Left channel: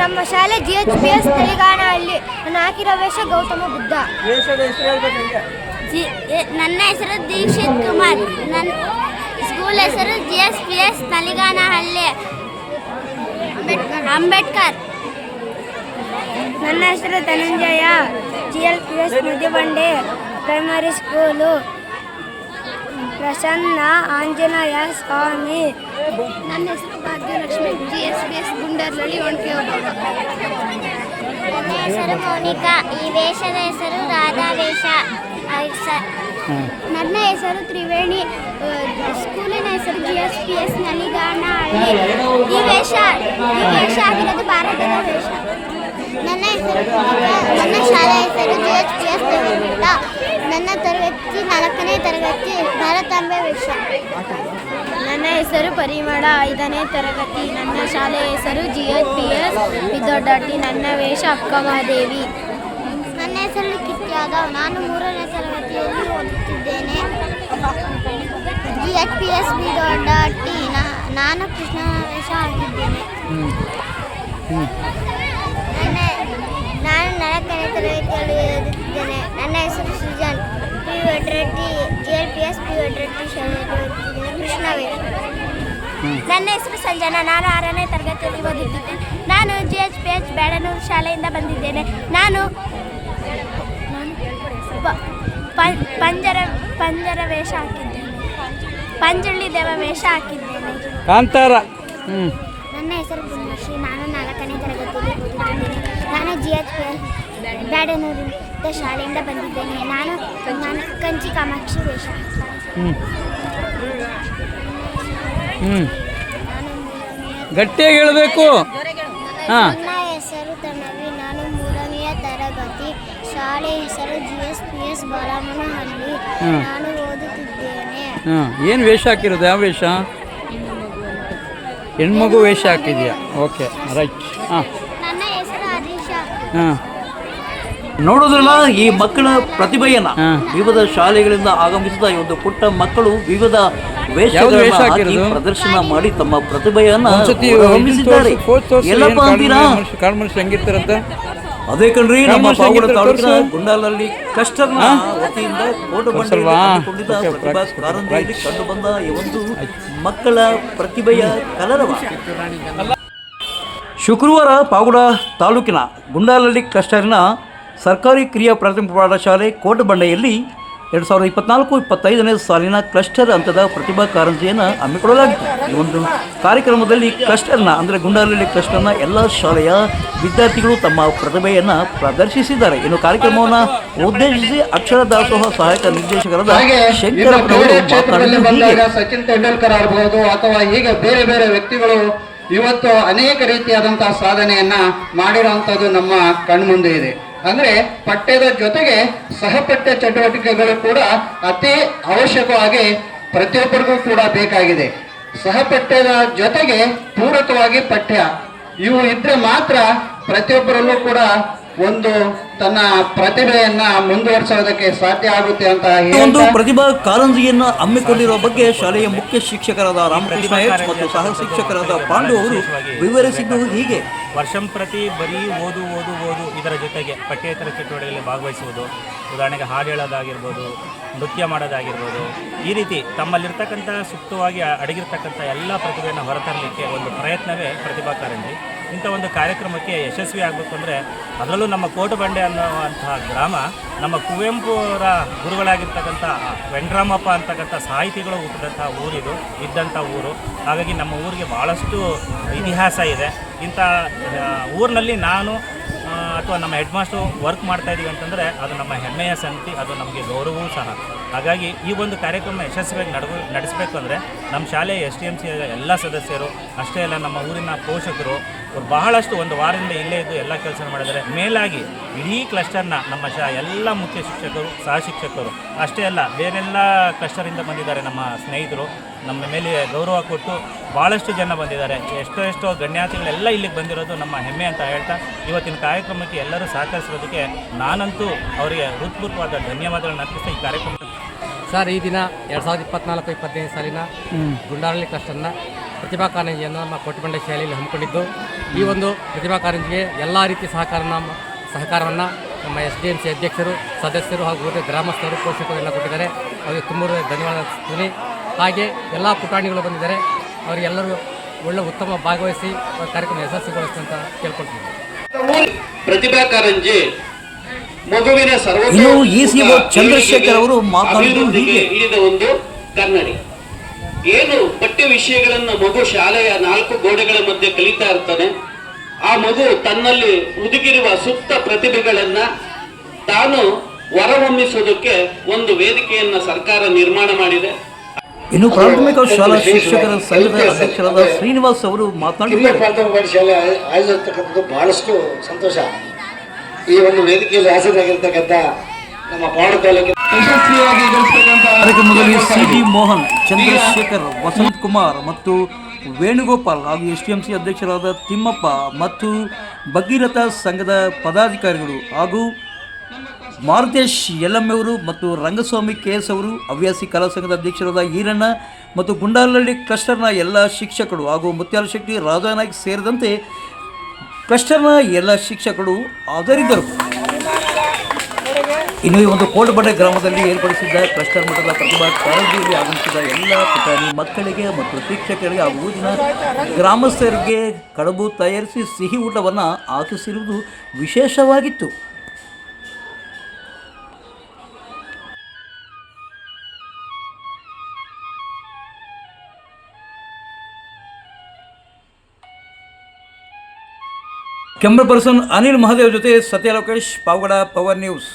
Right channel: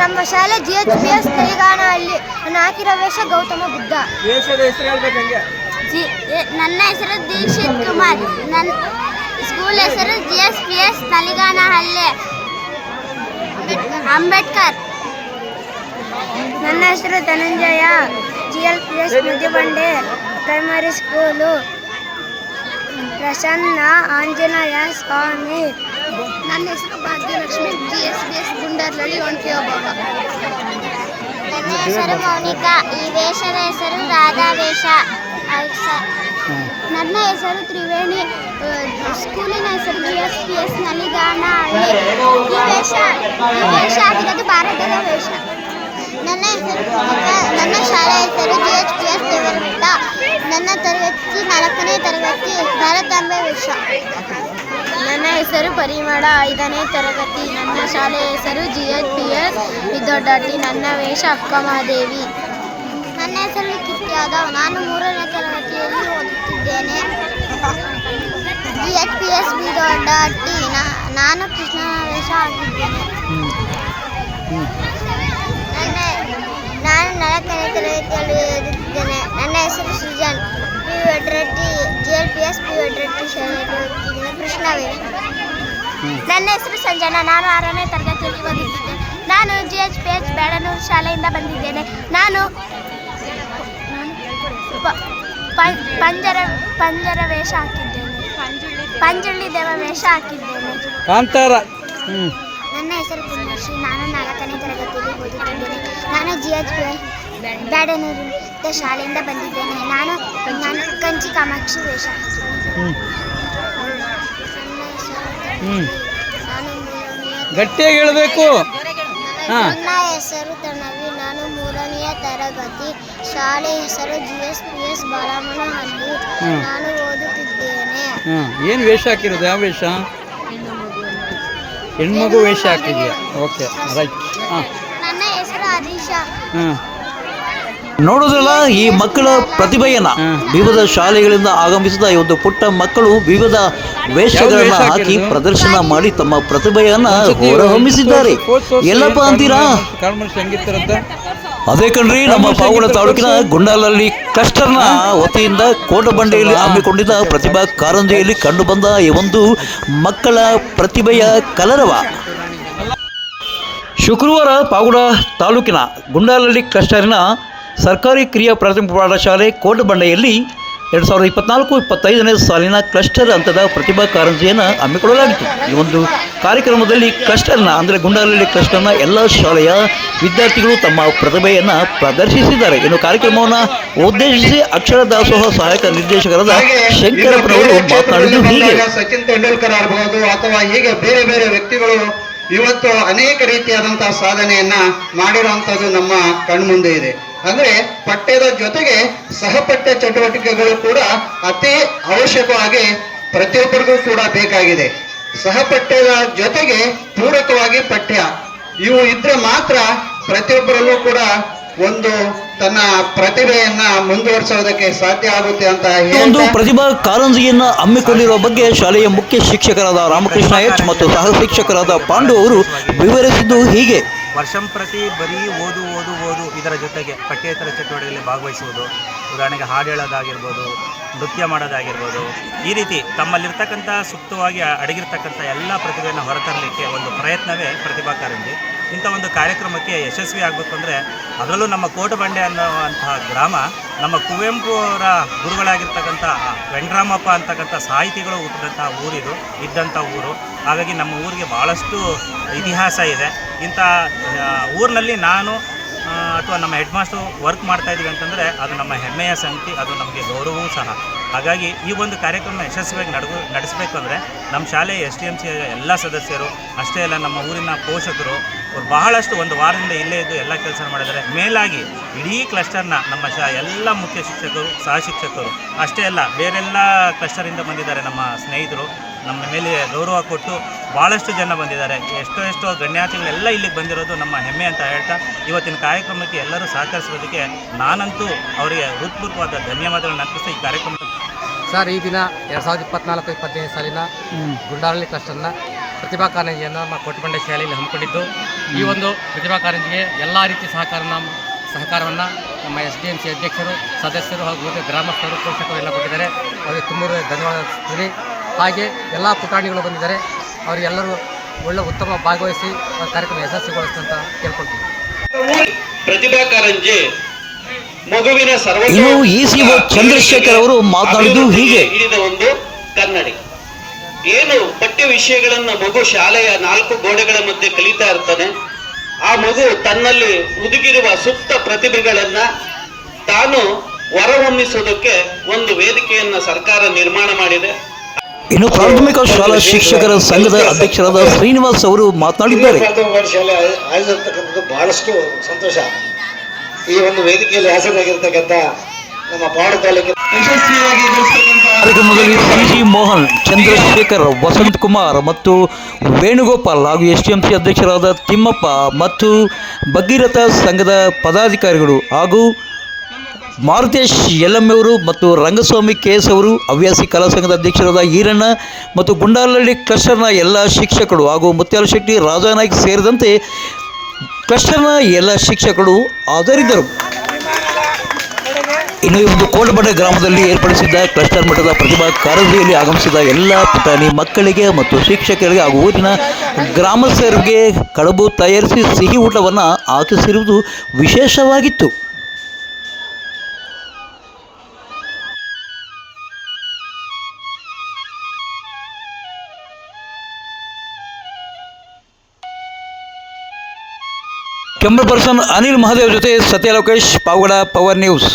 ನಮ್ಮ ಶಾಲೆ GHPS ತೆಲಂಗಾಣಹಳ್ಳಿ. ನಾನು ಹಾಕಿರೋ ವೇಷ ಗೌತಮ ಬುದ್ಧ. ನನ್ನ ಹೆಸರು ದೀಕ್ಷಿತ್ ಕುಮಾರ್. ನನ್ನ ಸ್ಕೂಲ್ ಹೆಸರು GHPS ತೆಲಂಗಾಣಹಳ್ಳಿ ಅಂಬೇಡ್ಕರ್. ನನ್ನ ಹೆಸರು Dhananjaya. GLPS Mudibande primary school. Prasanna Anjaneya Swami. ನನ್ನ ಹೆಸರು ಭಾಗ್ಯಲಕ್ಷ್ಮಿ. GHPS ಗುಂಡರ್ಲಳ್ಳಿ ಒಣಕೆ ಒಬ್ಬ. ನನ್ನ ಹೆಸರು ಮೌನಿಕಾ. ಈ ವೇಷದ ಹೆಸರು ರಾಧಾ ವೇಷ. ನನ್ನ ಹೆಸರು ತ್ರಿವೇಣಿ. ಸ್ಕೂಲಿನ ಹೆಸರು GHPS ತೆಲಂಗಾಣಹಳ್ಳಿ. ಈ ವೇಷ ಆಗಿರೋದು ಭಾರತದ ವೇಷ. ನನ್ನ ಹೆಸರು ಪೂಜಿಕಾ. ನನ್ನ ಶಾಲೆ ಹೆಸರು GHPS ದೇವರಬೆಟ್ಟ. ನನ್ನ ತರಗತಿ 4ನೇ ತರಗತಿ ಭಾರತಾಂಬೆ ವೇಷ. ನನ್ನ ಹೆಸರು ಪರಿಮಳ. 5ನೇ ತರಗತಿ. ನನ್ನ ಶಾಲೆ ಹೆಸರು GHPS ವಿದ್ಯಾರ್ಥಿ. ನನ್ನ ವೇಷ ಅಕ್ಕಮಹಾದೇವಿ. ನನ್ನ ಹೆಸರು ಕಿತ್ ಯಾದವ್. ನಾನು 3ನೇ ತರಗತಿಯಲ್ಲಿ ಓದುತ್ತಿದ್ದೇನೆ. GHPS ವಿದ್ಯಾರ್ಥಿ. ನಾನು ಕೃಷ್ಣನ ವೇಷ ಆಗಿದ್ದೇನೆ. ನಾನು 4ನೇ ತರಗತಿಯಲ್ಲಿ ಓದುತ್ತಿದ್ದೇನೆ. ನನ್ನ ಹೆಸರು ಸೃಜನ್. GLPS ಶಾಲೆಯಲ್ಲಿ ಓದುತ್ತಿದ್ದೇನೆ. ಕೃಷ್ಣ ವೇಷ. ನನ್ನ ಹೆಸರು ಸಂಜನಾ. ನಾನು 6ನೇ ತರಗತಿಯಲ್ಲಿ ಓದುತ್ತಿದ್ದೇನೆ. ನಾನು GHPS ಬೇಡನೂರು ಶಾಲೆಯಿಂದ ಬಂದಿದ್ದೇನೆ. ನಾನು ಪಂಜರ ವೇಷ ಹಾಕಿದ್ದೇನೆ. ಪಂಜುಳ್ಳಿ ದೇವ ವೇಷ ಹಾಕಿದ್ದೇನೆ. ಕಾಂತಾರ. ನನ್ನ ಹೆಸರು ಪುಣ್ಯಶ್ರೀ. ನಾನು 4ನೇ ತರಗತಿಯಲ್ಲಿ ಓದುತ್ತಿದ್ದೇನೆ. ನಾನು GHPS ಬೇಡನೂರು ಶಾಲೆಯಿಂದ ಬಂದಿದ್ದೇನೆ. ನಾನು ಕಂಚಿ ಕಾಮಾಕ್ಷಿ ವೇಷ ಹಾಕಿದ್ದೇನೆ. ಗಟ್ಟಿಯಾಗಿ ಹೇಳಬೇಕು. ನನ್ನ ಹೆಸರು ತನವಿ. ನಾನು 3ನೇ ತರಗತಿ. ಶಾಲೆ ಹೆಸರು GHPS ಬಾಲಮನಹಳ್ಳಿ. ನಾನು ಓದುತ್ತಿದ್ದೇನೆ. ಏನು ವೇಷ ಹಾಕಿರೋದು? ಯಾವ ವೇಷ? ಹೆಣ್ಮಗು ವೇಷ ಹಾಕಿದ್ಯಾ? Okay, right. ನನ್ನ ಹೆಸರು ಹರೀಶ. ನೋಡೋದ್ರಲ್ಲ, ಈ ಮಕ್ಕಳ ಪ್ರತಿಭೆಯನ್ನ ವಿವಿಧ ಶಾಲೆಗಳಿಂದ ಆಗಮಿಸಿದ ಈ ಒಂದು ಪುಟ್ಟ ಮಕ್ಕಳು ವಿವಿಧ ವೇಷಗಳನ್ನು ಹಾಕಿ ಪ್ರದರ್ಶನ ಮಾಡಿ ತಮ್ಮ ಪ್ರತಿಭೆಯನ್ನ ಹೊರಹೊಮ್ಮಿಸಿದ್ದಾರೆ. ಎಲ್ಲಪ್ಪ ಅಂತೀರಾ? ಅದೇ ಕಣ್ರಿ, ನಮ್ಮ ಪಾವಗಡ ತಾಲೂಕಿನ ಗುಂಡಾಲಹಳ್ಳಿ ಕ್ಲಸ್ಟರ್ನ ವತಿಯಿಂದ ಕೋಟಬಂಡೆಯಲ್ಲಿ ಹಮ್ಮಿಕೊಂಡಿದ್ದ ಪ್ರತಿಭಾ ಕಾರಂಜಿಯಲ್ಲಿ ಕಂಡುಬಂದ ಈ ಒಂದು ಮಕ್ಕಳ ಪ್ರತಿಭೆಯ ಕಲರವ. ಶುಕ್ರವಾರ ಪಾವಗಡ ತಾಲೂಕಿನ ಗುಂಡಾಲಹಳ್ಳಿ ಕ್ಲಸ್ಟರಿನ ಸರ್ಕಾರಿ ಕಿರಿಯ ಪ್ರಾಥಮಿಕ ಪಾಠಶಾಲೆ ಕೋಟಬಂಡೆಯಲ್ಲಿ 2024-25ನೇ ಸಾಲಿನ ಕ್ಲಸ್ಟರ್ ಹಂತದ ಪ್ರತಿಭಾ ಕಾರಂಜಿಯನ್ನು ಹಮ್ಮಿಕೊಳ್ಳಲಾಗಿತ್ತು. ಈ ಒಂದು ಕಾರ್ಯಕ್ರಮದಲ್ಲಿ ಕ್ಲಸ್ಟರ್ನ ಅಂದರೆ ಗುಂಡಾಲಹಳ್ಳಿ ಕ್ಲಸ್ಟರ್ನ ಎಲ್ಲ ಶಾಲೆಯ ವಿದ್ಯಾರ್ಥಿಗಳು ತಮ್ಮ ಪ್ರತಿಭೆಯನ್ನು ಪ್ರದರ್ಶಿಸಿದ್ದಾರೆ. ಇನ್ನು ಕಾರ್ಯಕ್ರಮವನ್ನು ಉದ್ದೇಶಿಸಿ ಅಕ್ಷರ ದಾಸೋಹ ಸಹಾಯಕ ನಿರ್ದೇಶಕರಾದ ಶಂಕರಪ್ಪನವರು ಮಾತನಾಡಿದ್ದು ಹೀಗೆ. ಸಚಿನ್ ತೆಂಡೂಲ್ಕರ್ ಆಗಬಹುದು ಅಥವಾ ಹೀಗೆ ಬೇರೆ ಬೇರೆ ವ್ಯಕ್ತಿಗಳು ಇವತ್ತು ಅನೇಕ ರೀತಿಯಾದಂತಹ ಸಾಧನೆಯನ್ನ ಮಾಡಿರುವಂತದ್ದು ನಮ್ಮ ಕಣ್ಮುಂದೆ ಇದೆ. ಅಂದ್ರೆ ಪಠ್ಯದ ಜೊತೆಗೆ ಸಹಪಠ್ಯ ಚಟುವಟಿಕೆಗಳು ಕೂಡ ಅತಿ ಅವಶ್ಯಕವಾಗಿ ಪ್ರತಿಯೊಬ್ಬರಿಗೂ ಕೂಡ ಬೇಕಾಗಿದೆ. ಸಹಪಠ್ಯದ ಜೊತೆಗೆ ಪೂರಕವಾಗಿ ಪಠ್ಯ ಇವು ಇದ್ರೆ ಮಾತ್ರ ಪ್ರತಿಯೊಬ್ಬರಲ್ಲೂ ಕೂಡ ಒಂದು ತನ್ನ ಪ್ರತಿಭೆಯನ್ನ ಮುಂದುವರಿಸೋದಕ್ಕೆ ಸಾಧ್ಯ ಆಗುತ್ತೆ ಅಂತ ಒಂದು ಪ್ರತಿಭಾ ಕಾರಂಜಿಯನ್ನ ಹಮ್ಮಿಕೊಂಡಿರುವ ಬಗ್ಗೆ ಶಾಲೆಯ ಮುಖ್ಯ ಶಿಕ್ಷಕರಾದ ರಾಮಕೃಷ್ಣ ಎಚ್ ಮತ್ತು ಸಹ ಶಿಕ್ಷಕರಾದ ಪಾಂಡು ಅವರು ವಿವರಿಸಿದ್ದು ಹೀಗೆ. ವರ್ಷಂಪ್ರತಿ ಬರೀ ಓದು ಓದು ಓದು ಇದರ ಜೊತೆಗೆ ಪಠ್ಯೇತರ ಚಟುವಟಿಕೆಯಲ್ಲಿ ಭಾಗವಹಿಸುವುದು, ಉದಾಹರಣೆಗೆ ಹಾಡು ಹೇಳೋದಾಗಿರ್ಬೋದು, ನೃತ್ಯ ಮಾಡೋದಾಗಿರ್ಬೋದು, ಈ ರೀತಿ ತಮ್ಮಲ್ಲಿರ್ತಕ್ಕಂಥ ಸುಪ್ತವಾಗಿ ಅಡಗಿರ್ತಕ್ಕಂಥ ಎಲ್ಲ ಪ್ರತಿಭೆಯನ್ನು ಹೊರತರಲಿಕ್ಕೆ ಒಂದು ಪ್ರಯತ್ನವೇ ಪ್ರತಿಭಾ ಕಾರಂಜಿ. ಇಂಥ ಒಂದು ಕಾರ್ಯಕ್ರಮಕ್ಕೆ ಯಶಸ್ವಿ ಆಗಬೇಕು ಅಂದರೆ ಅದರಲ್ಲೂ ನಮ್ಮ ಕೋಟಬಂಡೆ ಅನ್ನುವಂತಹ ಗ್ರಾಮ ನಮ್ಮ ಕುವೆಂಪು ಅವರ ಗುರುಗಳಾಗಿರ್ತಕ್ಕಂಥ ವೆಂಕಟರಾಮಪ್ಪ ಅಂತಕ್ಕಂಥ ಸಾಹಿತಿಗಳು ಹುಟ್ಟಿದಂಥ ಊರಿದು ಇದ್ದಂಥ ಊರು. ಹಾಗಾಗಿ ನಮ್ಮ ಊರಿಗೆ ಭಾಳಷ್ಟು ಇತಿಹಾಸ ಇದೆ. ಇಂಥ ಊರಿನಲ್ಲಿ ನಾನು ಅಥವಾ ನಮ್ಮ ಹೆಡ್ ಮಾಸ್ಟ್ರು ವರ್ಕ್ ಮಾಡ್ತಾಯಿದ್ದೀವಿ ಅಂತಂದರೆ ಅದು ನಮ್ಮ ಹೆಮ್ಮೆಯ ಸಂಗತಿ, ಅದು ನಮಗೆ ಗೌರವವೂ ಸಹ. ಹಾಗಾಗಿ ಈ ಒಂದು ಕಾರ್ಯಕ್ರಮ ಯಶಸ್ವಿಯಾಗಿ ನಡೆಸಬೇಕು ಅಂದರೆ ನಮ್ಮ ಶಾಲೆಯ STMC ಎಲ್ಲ ಸದಸ್ಯರು ಅಷ್ಟೇ ಅಲ್ಲ, ನಮ್ಮ ಊರಿನ ಪೋಷಕರು ಅವ್ರು ಬಹಳಷ್ಟು ಒಂದು ವಾರದಿಂದ ಇಲ್ಲೇ ಇದ್ದು ಎಲ್ಲ ಕೆಲಸ ಮಾಡಿದ್ದಾರೆ. ಮೇಲಾಗಿ ಇಡೀ ಕ್ಲಸ್ಟರ್ನ ನಮ್ಮ ಎಲ್ಲ ಮುಖ್ಯ ಶಿಕ್ಷಕರು, ಸಹ ಶಿಕ್ಷಕರು ಅಷ್ಟೇ ಅಲ್ಲ, ಬೇರೆಲ್ಲ ಕ್ಲಸ್ಟರಿಂದ ಬಂದಿದ್ದಾರೆ ನಮ್ಮ ಸ್ನೇಹಿತರು. ನಮ್ಮ ಮೇಲೆ ಗೌರವ ಕೊಟ್ಟು ಭಾಳಷ್ಟು ಜನ ಬಂದಿದ್ದಾರೆ. ಎಷ್ಟೋ ಗಣ್ಯಾತಿಗಳೆಲ್ಲ ಇಲ್ಲಿಗೆ ಬಂದಿರೋದು ನಮ್ಮ ಹೆಮ್ಮೆ ಅಂತ ಹೇಳ್ತಾ ಇವತ್ತಿನ ಕಾರ್ಯಕ್ರಮಕ್ಕೆ ಎಲ್ಲರೂ ಸಹಕರಿಸಿರೋದಕ್ಕೆ ನಾನಂತೂ ಅವರಿಗೆ ಹೃತ್ಪೂರ್ವಕವಾದ ಧನ್ಯವಾದಗಳನ್ನು ಅರ್ಪಿಸ್ತಾ ಈ ಕಾರ್ಯಕ್ರಮ ಸರ್, ಈ ದಿನ 2024-25ನೇ ಸಾಲಿನ ಗುಂಡಾಲಹಳ್ಳಿ ಕ್ಲಸ್ಟರ್ನ ಪ್ರತಿಭಾ ಕಾರಂಜಿಯನ್ನು ನಮ್ಮ ಕೋಟೆಬಂಡೆ ಶಾಲೆಯಲ್ಲಿ ಹಮ್ಮಿಕೊಂಡಿದ್ದು. ಈ ಒಂದು ಪ್ರತಿಭಾ ಕಾರಂಜಿಗೆ ಎಲ್ಲ ರೀತಿಯ ಸಹಕಾರವನ್ನು ನಮ್ಮ SDMC ಅಧ್ಯಕ್ಷರು, ಸದಸ್ಯರು ಹಾಗೂ ಉಳಿದ ಗ್ರಾಮಸ್ಥರು, ಪೋಷಕರು ಎಲ್ಲ ಕೊಟ್ಟಿದ್ದಾರೆ. ಅವರಿಗೆ ತುಂಬ ಧನ್ಯವಾದ. ಹಾಗೆ ಎಲ್ಲ ಪುಟಾಣಿಗಳು ಬಂದಿದ್ದಾರೆ. ಅವರಿಗೆಲ್ಲರೂ ಒಳ್ಳೆ ಉತ್ತಮ ಭಾಗವಹಿಸಿ ಕಾರ್ಯಕ್ರಮ ಯಶಸ್ವಿಗೊಳಿಸ್ತಂತ ಕೇಳ್ಕೊಳ್ತೀವಿ. ಪ್ರತಿಭಾ ಕಾರಂಜಿ ಮಗುವಿನ ಇನ್ನು ECO ಚಂದ್ರಶೇಖರ್ ಅವರು ಮಾತನಾಡಿದ್ದು ಹೀಗೆ. ಹಿಡಿದ ಒಂದು ಕನ್ನಡಿ. ಏನು ಪಠ್ಯ ವಿಷಯಗಳನ್ನು ಮಗು ಶಾಲೆಯ 4 ಗೋಡೆಗಳ ಮಧ್ಯೆ ಕಲಿತಾ ಇರ್ತಾನೆ. ಆ ಮಗು ತನ್ನಲ್ಲಿ ಹುದುಗಿರುವ ಸುಪ್ತ ಪ್ರತಿಭೆಗಳನ್ನ ತಾನು ಹೊರಹೊಮ್ಮಿಸುವುದಕ್ಕೆ ಒಂದು ವೇದಿಕೆಯನ್ನ ಸರ್ಕಾರ ನಿರ್ಮಾಣ ಮಾಡಿದೆ. ಇನ್ನು ಪ್ರಾಥಮಿಕ ಶಾಲಾ ಶಿಕ್ಷಕರ ಸಂಘದ ಅಧ್ಯಕ್ಷರಾದ ಶ್ರೀನಿವಾಸ್ ಅವರು ಮಾತನಾಡಿದ್ದಾರೆ. ಪ್ರಾಥಮಿಕ ಶಾಲೆ ಆಗಿರ್ತಕ್ಕಂಥದ್ದು ಬಹಳಷ್ಟು ಸಂತೋಷ. ಈ ಒಂದು ವೇದಿಕೆಯಲ್ಲಿ ಹಾಸನಾಗಿರ್ತಕ್ಕಂಥ ನಮ್ಮ ಪಾಡು ತಾಲೂಕಿನ ಯಶಸ್ವಿಯಾಗಿ ಕಾರ್ಯಕ್ರಮದಲ್ಲಿ CG ಮೋಹನ್, ಚಂದ್ರಶೇಖರ್, ವಸಂತ್ ಕುಮಾರ್ ಮತ್ತು ವೇಣುಗೋಪಾಲ್ ಹಾಗೂ STMC ಅಧ್ಯಕ್ಷರಾದ ತಿಮ್ಮಪ್ಪ ಮತ್ತು ಭಗೀರಥ ಸಂಘದ ಪದಾಧಿಕಾರಿಗಳು ಹಾಗೂ ಮಾರುತೇಶ್ ಯಲ್ಲಮ್ಮವರು ಮತ್ತು ರಂಗಸ್ವಾಮಿ KS ಅವರು, ಹವ್ಯಾಸಿ ಕಲಾ ಸಂಘದ ಅಧ್ಯಕ್ಷರಾದ ಈರಣ್ಣ ಮತ್ತು ಗುಂಡಾಲಹಳ್ಳಿ ಕ್ಲಸ್ಟರ್ನ ಎಲ್ಲ ಶಿಕ್ಷಕರು ಹಾಗೂ ಮುತ್ಯಾಲಶೆಟ್ಟಿ, ರಾಜಾನಾಯ್ಕ್ ಸೇರಿದಂತೆ ಕ್ಲಸ್ಟರ್ನ ಎಲ್ಲ ಶಿಕ್ಷಕರು ಹಾಜರಿದ್ದರು. ಇನ್ನು ಈ ಒಂದು ಕೋಟೆಬಂಡೆ ಗ್ರಾಮದಲ್ಲಿ ಏರ್ಪಡಿಸಿದ್ದ ಕ್ಲಸ್ಟರ್ ಮಟ್ಟದ ಪ್ರತಿಭಾ ಕಾರಂಜಿಯಲ್ಲಿ ಆಗಮಿಸಿದ ಎಲ್ಲ ಪುಟಾಣಿ ಮಕ್ಕಳಿಗೆ ಮತ್ತು ಶಿಕ್ಷಕರಿಗೆ ಹಾಗೂ ಊರಿನ ಗ್ರಾಮಸ್ಥರಿಗೆ ಕಡುಬು ತಯಾರಿಸಿ ಸಿಹಿ ಊಟವನ್ನು ಹಾಕಿಸಿರುವುದು ವಿಶೇಷವಾಗಿತ್ತು. ಕೆಂಬ ಪರ್ಸನ್ ಅನಿಲ್ ಮಹಾದೇವ್ ಜೊತೆ ಸತ್ಯ ಲೋಕೇಶ್, ಪಾವಗಡ, ಪವರ್ ನ್ಯೂಸ್.